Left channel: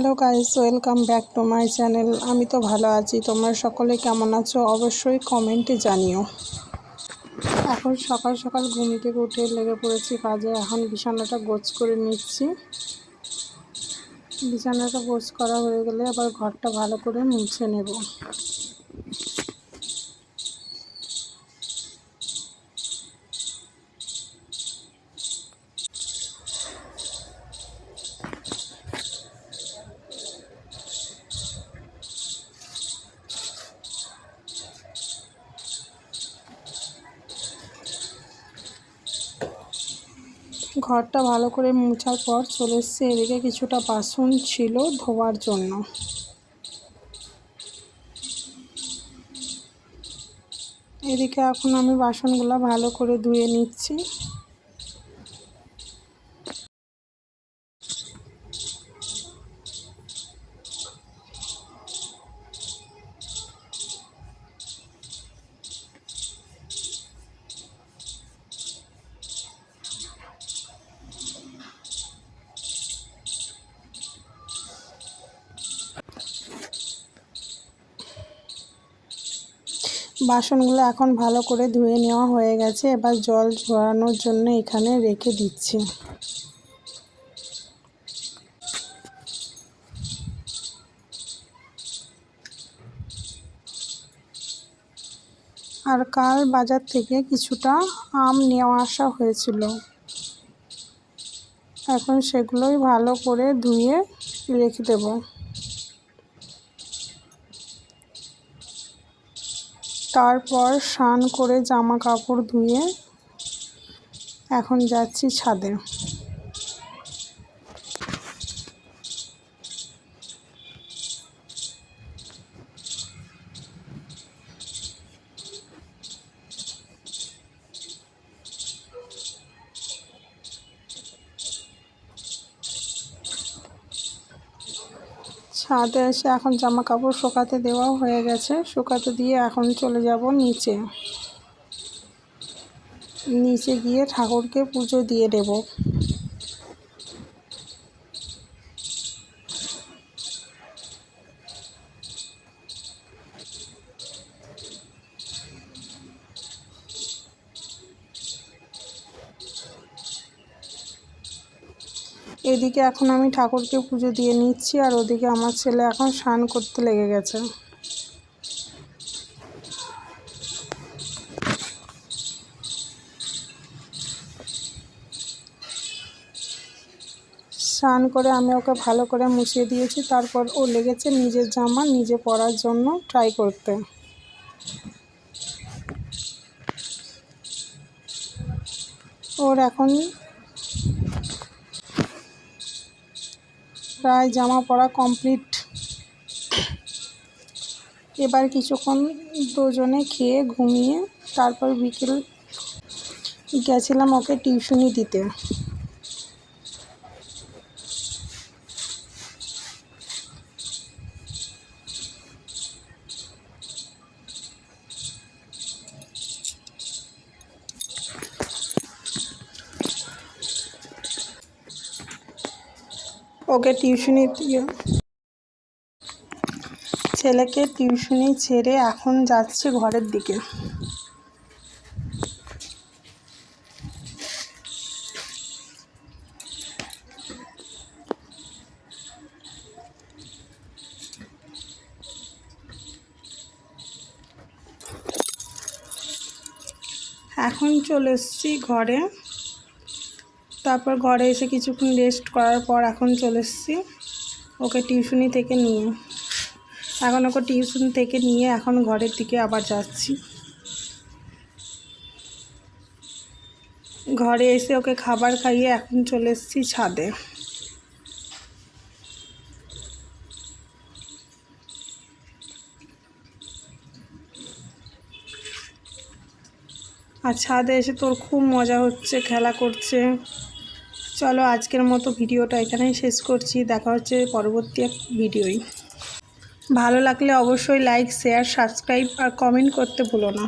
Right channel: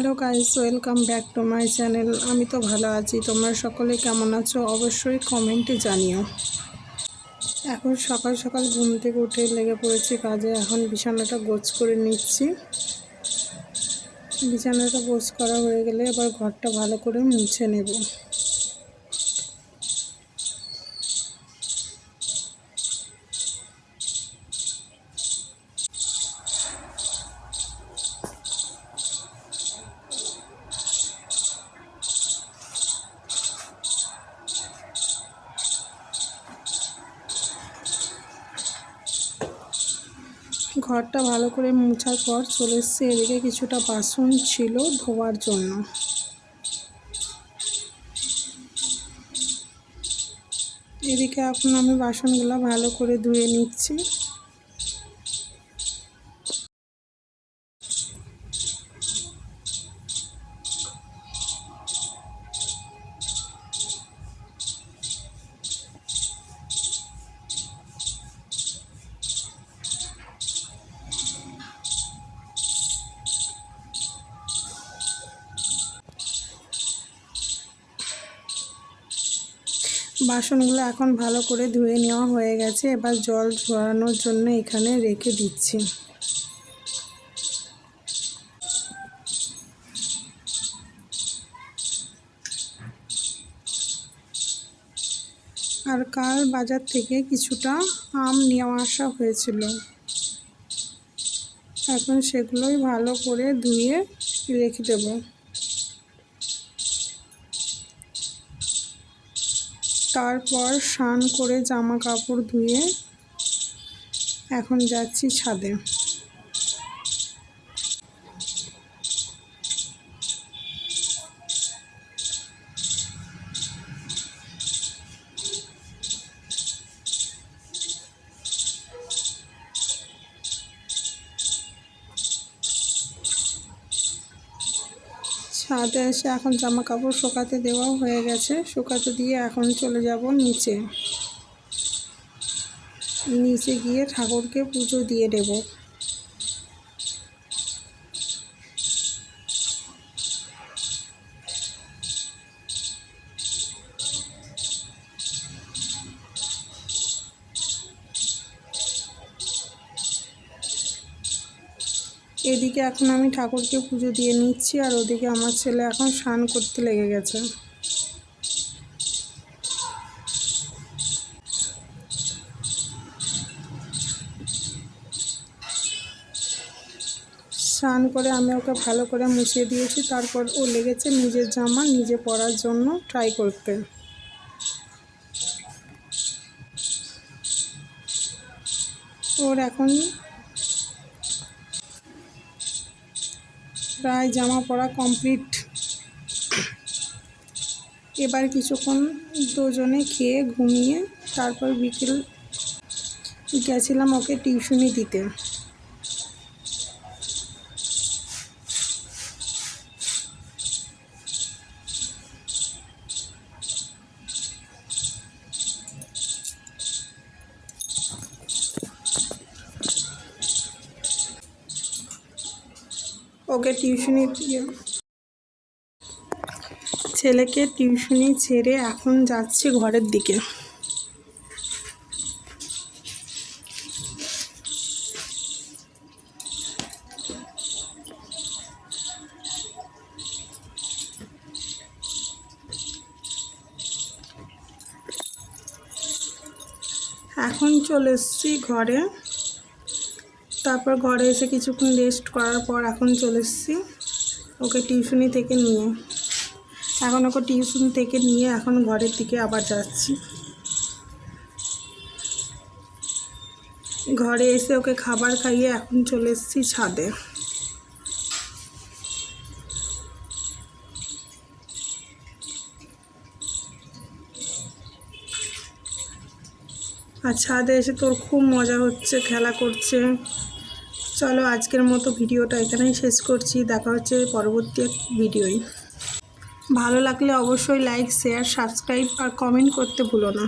Hello guys, welcome back to my channel. আমি তো ভালো আছি, তোমরা সকলে কেমন আছো অবশ্যই কমেন্টে জানিও। এখন সকাল সকাল ঘুম থেকে উঠে লেগে পড়েছি কাজে। এখন বিছানাটা গোছ করে নিচ্ছি। বিছানাটা গোছ করা হয়ে গেলে আবার ঘরটা ভালো করে মুছে নেব। ঘরটা ভালো করে মোছার পর চলে এসেছি এদিকে কিছুটা বাসন ছিল ধোয়ার জন্য। এদিকে এখন আমি বাসনগুলো ভালো করে ধুয়ে নিচ্ছি। বাসনগুলো এখন ভালো করে ধুয়ে নেওয়া হয়ে গেছে। এবার জল ঝরানোর জন্য এখানে রেখে দিচ্ছি। আর কাল বাজার থেকে কিছুটা আম নেওয়া আসা হয়েছিল, এখন সেগুলোই ভালো করে ধুয়ে রেখে দেব। তারপর স্নান করে জামা কাপড় ধুয়ে এখন যাচ্ছি ছাদে। ছাদে এসে এখন জামা কাপড় শুকাতে দেওয়া হয়ে গেছে। শুকাতে দিয়ে এখন চলে যাব নিচে। নিচে গিয়ে ঠাকুরকে পুজো দিয়ে দেব। এদিকে এখন আমি ঠাকুরকে পুজো দিয়ে নিচ্ছি, আর ওদিকে আমার ছেলে এখন স্নান করতে লেগে গেছে। স্নান করে আমি ওকে ভালো করে মুছিয়ে দিয়েছি। তারপর ও লেগেছে নিজের জামা নিজে পরার জন্য ট্রাই করতে। ওর এখন প্রায় জামা পরা কমপ্লিট। এবার কিছুক্ষণ দুজনে খেয়ে ঘুমিয়ে তারপর বিকেল গেছিলাম ওকে টিউশনি দিতে। ওকে টিউশনি দিয়ে ছেলেকে টিউশনি ছেড়ে এখন যাচ্ছি ঘরের দিকে। এখন চলে এসেছি ঘরে। তারপর ঘরে এসে কিছুক্ষণ রেস্ট করার পর এখন চলে এসেছি ওকে টিউশনি থেকে নিয়ে। এখন ওকে টিউশন থেকে নিয়ে এখন ঘরের দিকে আবার যাচ্ছি। ঘরে এসে ওকে খাবার খাইয়ে এখন চলে এসেছি ছাদে। আর ছাদে এসে তোর খুব মজা হচ্ছে, খেলা করছে। চলো আজকের মতো ভিডিওটা এখানেই শেষ করছি। দেখা হচ্ছে পরবর্তী এক ভিডিওয়। ভালো লাগলে অবশ্যই লাইক, শেয়ার, সাবস্ক্রাইব আর কমেন্ট করতে ভুলো না।